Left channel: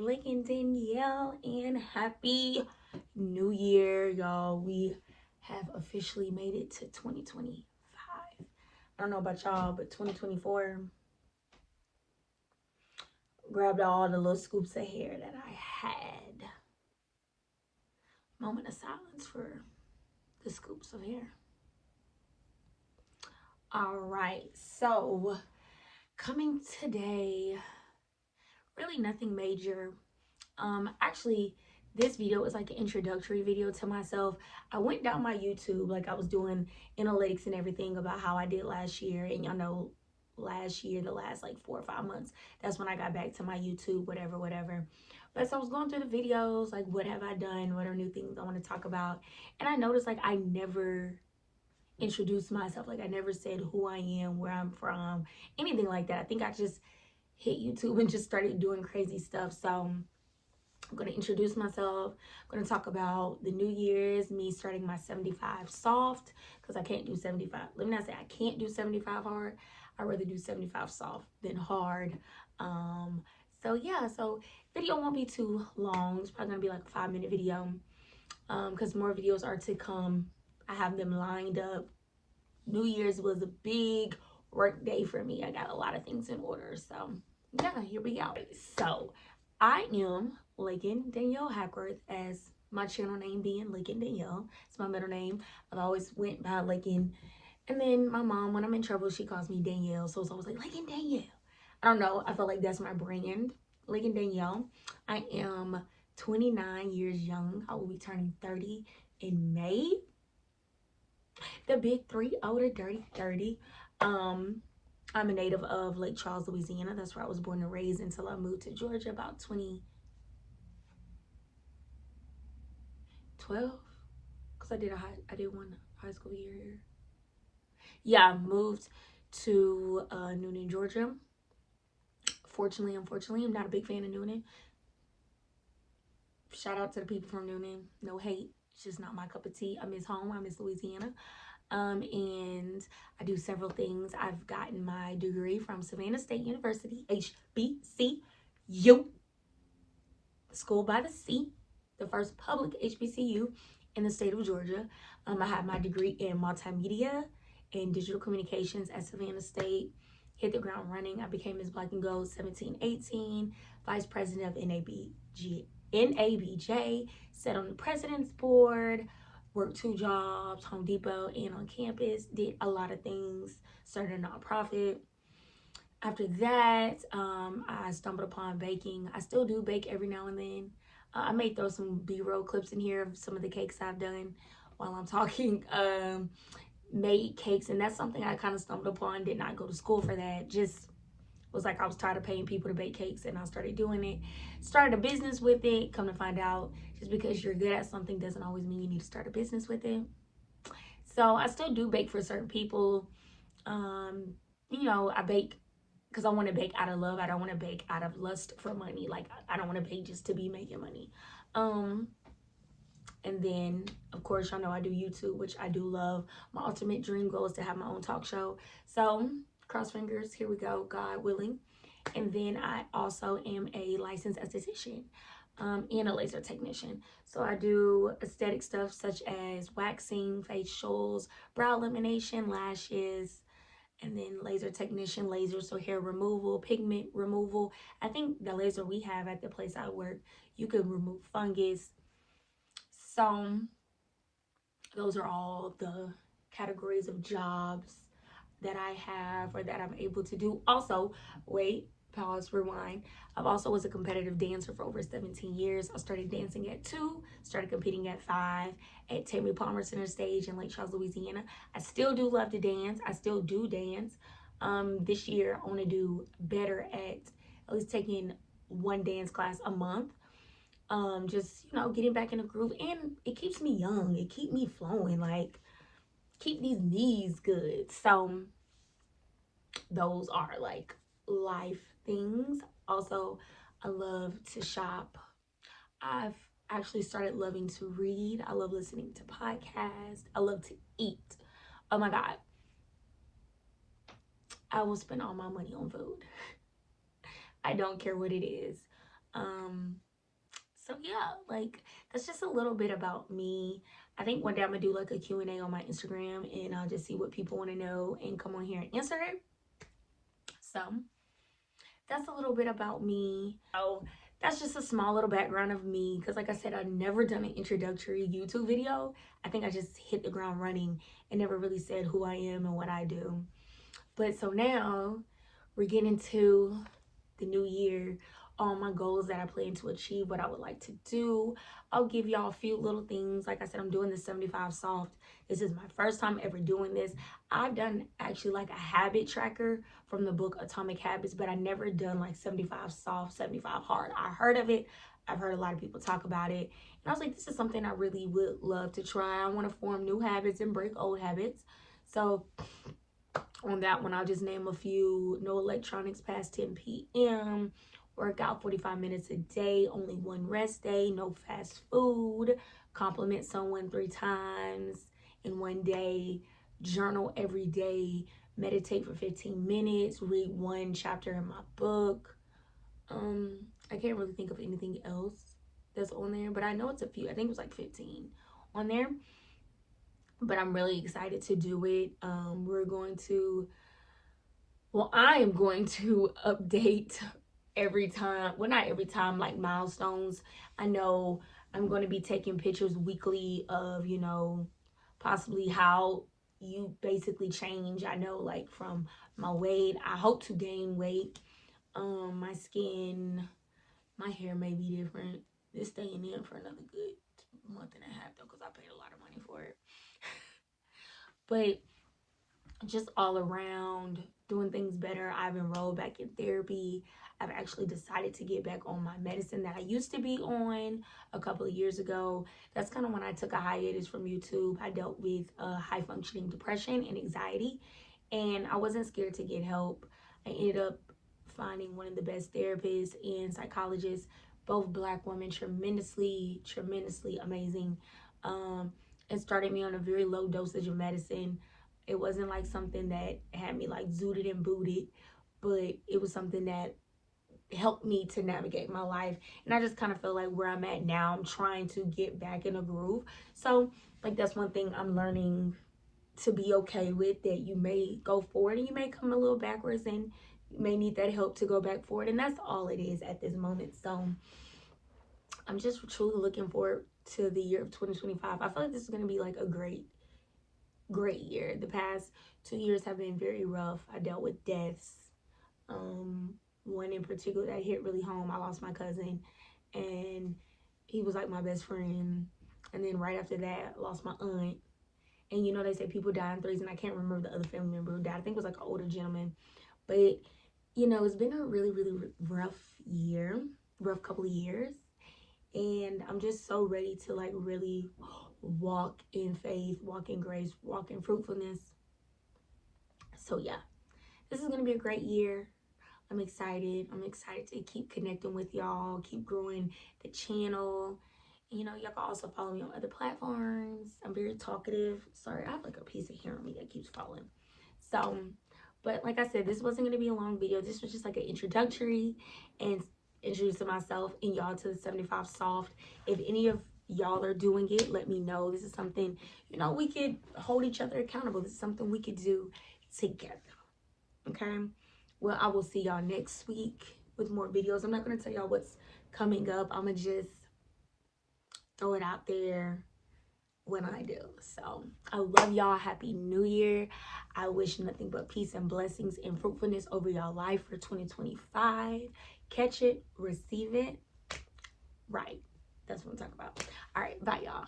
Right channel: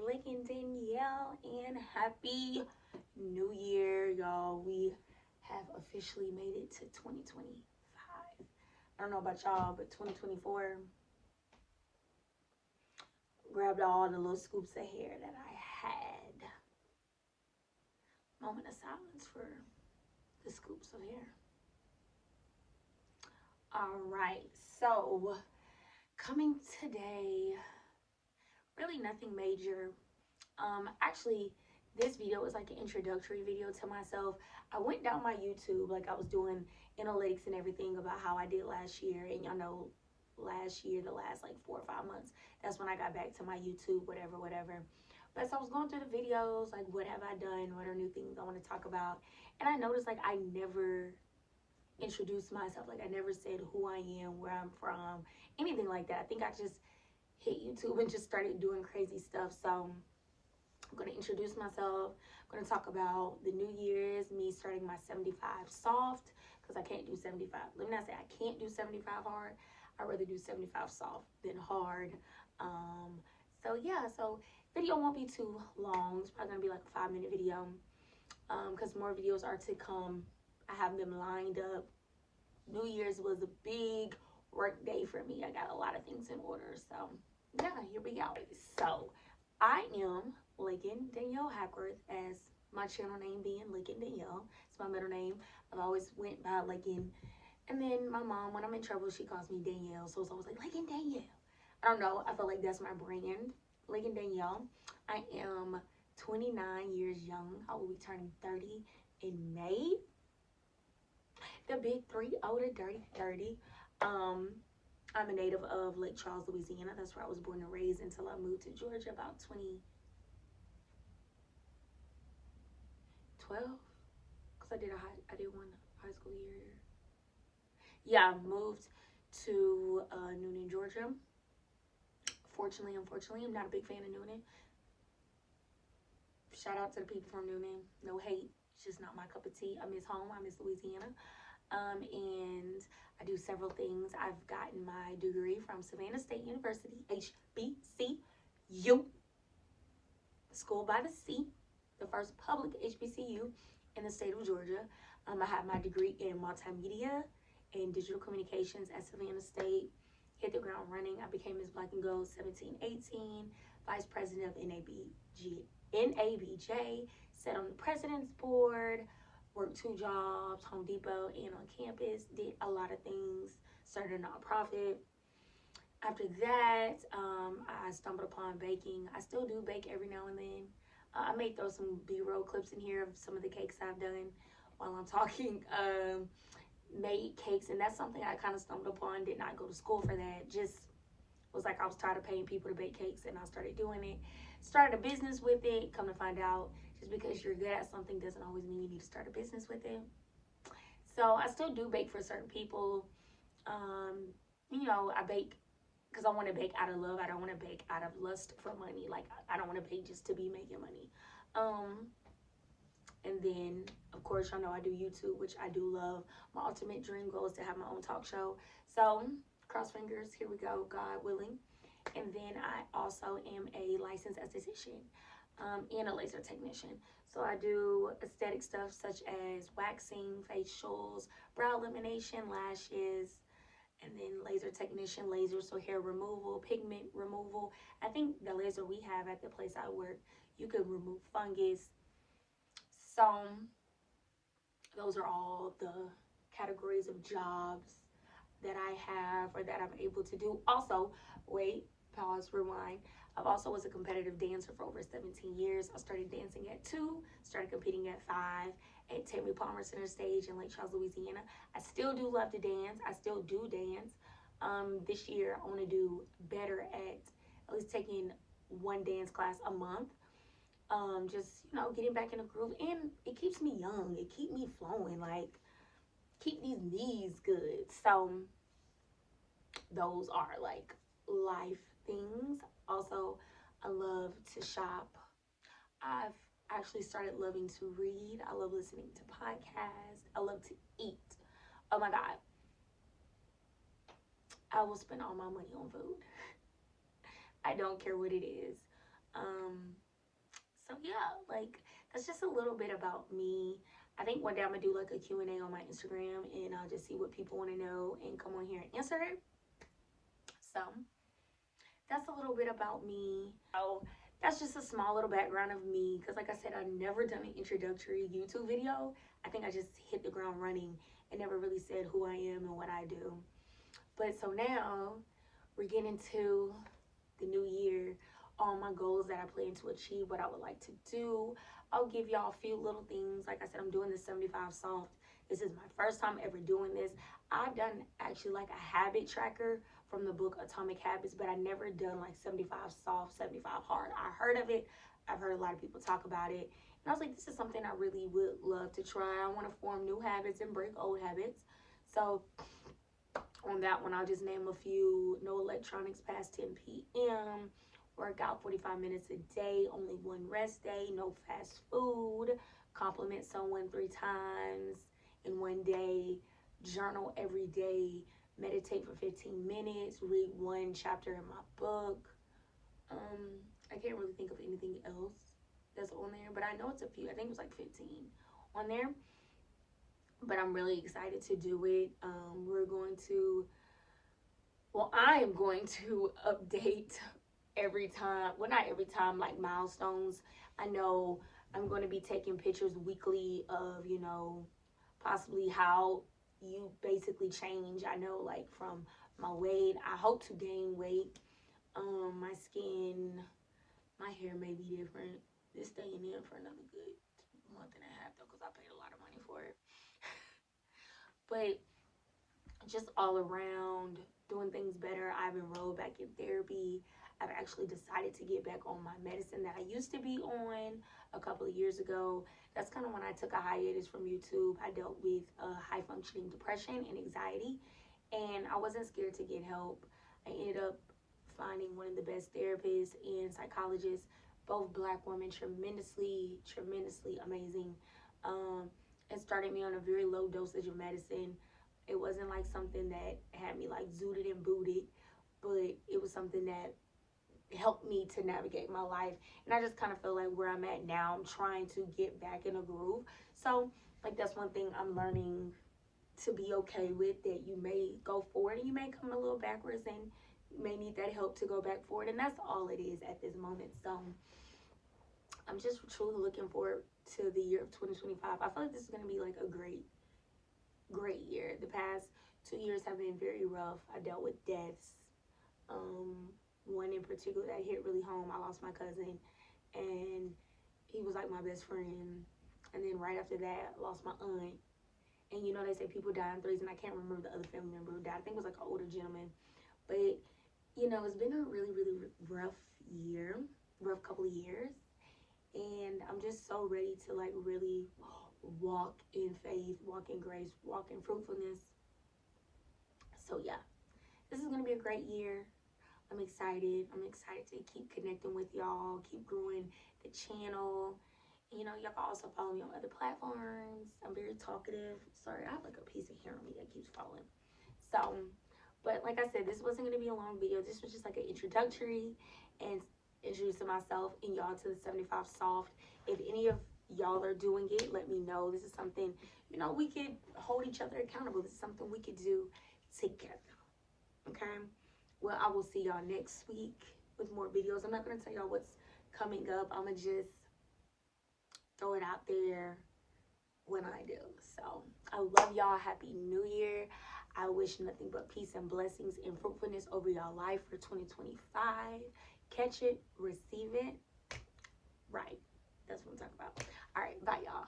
Lincoln Danielle, and happy new year, y'all. We have officially made it to 2025. I don't know about y'all, but 2024 grabbed all the little scoops of hair that I had. Moment of silence for the scoops of hair. All right, so coming today, really nothing major. Actually, this video is like an introductory video to myself. I went down my YouTube, like I was doing analytics and everything about how I did last year, and y'all know last year, the last like 4 or 5 months, that's when I got back to my YouTube, whatever. But so I was going through the videos, like what have I done, what are new things I want to talk about, and I noticed like I never introduced myself, like I never said who I am, where I'm from, anything like that. I think I just hit YouTube and just started doing crazy stuff. So I'm going to introduce myself. I'm going to talk about the New Year's, me starting my 75 soft, because I can't do 75. Let me not say I can't do 75 hard. I'd rather do 75 soft than hard. So yeah, so video won't be too long. It's probably going to be like a 5-minute video, because more videos are to come. I have them lined up. New Year's was a big work day for me. I got a lot of things in order. So yeah, here we go. So I am Lincoln Danielle Hackworth, as my channel name being Lincoln Danielle. It's my middle name. I've always went by Lincoln. And then my mom, when I'm in trouble, she calls me Danielle. So it's always like Lincoln Danielle. I don't know. I feel like that's my brand. Lincoln Danielle. I am 29 years young. I will be turning 30 in May. The big three, older, dirty, 30. I'm a native of Lake Charles, Louisiana. That's where I was born and raised until I moved to Georgia about 2012. Because I did one high school year here. Yeah, I moved to Noonan, Georgia. Fortunately, unfortunately, I'm not a big fan of Noonan. Shout out to the people from Noonan. No hate. It's just not my cup of tea. I miss home. I miss Louisiana. And I do several things. I've gotten my degree from Savannah State University, HBCU, School by the Sea, the first public HBCU in the state of Georgia. I have my degree in multimedia and digital communications at Savannah State. Hit the ground running. I became Miss Black and Gold 17-18, Vice President of NABJ, sat on the President's Board, worked 2 jobs, Home Depot and on campus, did a lot of things, started a nonprofit. After that, I stumbled upon baking. I still do bake every now and then. I may throw some B-roll clips in here of some of the cakes I've done while I'm talking. Made cakes, and that's something I kind of stumbled upon. Did not go to school for that. Just was like I was tired of paying people to bake cakes, and I started doing it. Started a business with it. Come to find out, just because you're good at something doesn't always mean you need to start a business with it. So I still do bake for certain people. You know, I bake because I want to bake out of love. I don't want to bake out of lust for money. Like I don't want to bake just to be making money. And then of course y'all know I do YouTube, which I do love. My ultimate dream goal is to have my own talk show. So cross fingers, here we go, God willing. And then I also am a licensed esthetician and a laser technician. So I do aesthetic stuff such as waxing, facials, brow elimination, lashes, and then laser technician, laser, so hair removal, pigment removal. I think the laser we have at the place I work, you can remove fungus. So those are all the categories of jobs that I have or that I'm able to do. Also, wait, pause, rewind. I've also was a competitive dancer for over 17 years. I started dancing at 2, started competing at 5 at Tammy Palmer Center Stage in Lake Charles, Louisiana. I still do love to dance. I still do dance. This year, I want to do better at least taking 1 dance class a month. Just, you know, getting back in the groove. And it keeps me young. It keep me flowing. Like, keep these knees good. So those are like life things. Also, I love to shop. I've actually started loving to read. I love listening to podcasts. I love to eat. Oh my God. I will spend all my money on food. I don't care what it is. So yeah, like that's just a little bit about me. I think one day I'm gonna do like a Q&A on my Instagram, and I'll just see what people want to know and come on here and answer it. So that's a little bit about me. So that's just a small little background of me, because like I said, I've never done an introductory YouTube video. I think I just hit the ground running and never really said who I am and what I do. But so now we're getting into the new year, all my goals that I plan to achieve, what I would like to do. I'll give y'all a few little things. Like I said, I'm doing the 75 soft. This is my first time ever doing this. I've done actually like a habit tracker from the book Atomic Habits, but I never done like 75 soft, 75 hard. I heard of it. I've heard a lot of people talk about it. And I was like, this is something I really would love to try. I want to form new habits and break old habits. So on that one, I'll just name a few. No electronics past 10 p.m. Work out 45 minutes a day. Only one rest day. No fast food. Compliment someone 3 times in one day. Journal every day. Meditate for 15 minutes. Read 1 chapter in my book. I can't really think of anything else that's on there, but I know it's a few. I think it was like 15 on there. But I'm really excited to do it. We're going to, well, I am going to update every time, well, not every time, like milestones. I know I'm going to be taking pictures weekly of, you know, possibly how you basically change. I know, like, from my weight, I hope to gain weight. My skin, my hair may be different. It's staying in for another good month and a half though, because I paid a lot of money for it. But just all around doing things better. I've enrolled back in therapy. I've actually decided to get back on my medicine that I used to be on a couple of years ago. That's kind of when I took a hiatus from YouTube. I dealt with high functioning depression and anxiety, and I wasn't scared to get help. I ended up finding one of the best therapists and psychologists, both Black women, tremendously amazing, and started me on a very low dosage of medicine. It wasn't like something that had me like zooted and booted, but it was something that helped me to navigate my life. And I just kind of feel like where I'm at now, I'm trying to get back in a groove. So like that's one thing I'm learning to be okay with, that you may go forward and you may come a little backwards, and you may need that help to go back forward. And that's all it is at this moment. So I'm just truly looking forward to the year of 2025. I feel like this is going to be like a great year. The past 2 years have been very rough. I dealt with deaths. One in particular that hit really home. I lost my cousin, and he was like my best friend. And then right after that, I lost my aunt. And you know, they say people die in threes, and I can't remember the other family member who died. I think it was like an older gentleman. But you know, it's been a really rough year, rough couple of years. And I'm just so ready to like really walk in faith, walk in grace, walk in fruitfulness. So yeah, this is gonna be a great year. I'm excited. I'm excited to keep connecting with y'all, keep growing the channel. You know, y'all can also follow me on other platforms. I'm very talkative. Sorry, I have like a piece of hair on me that keeps falling. So, but like I said, this wasn't going to be a long video. This was just like an introductory and introducing myself and y'all to the 75 soft. If any of y'all are doing it, let me know. This is something, you know, we could hold each other accountable. This is something we could do together. Okay? Well, I will see y'all next week with more videos. I'm not going to tell y'all what's coming up. I'm going to just throw it out there when I do. So I love y'all. Happy New Year. I wish nothing but peace and blessings and fruitfulness over y'all life for 2025. Catch it, receive it. Right. That's what I'm talking about. All right. Bye, y'all.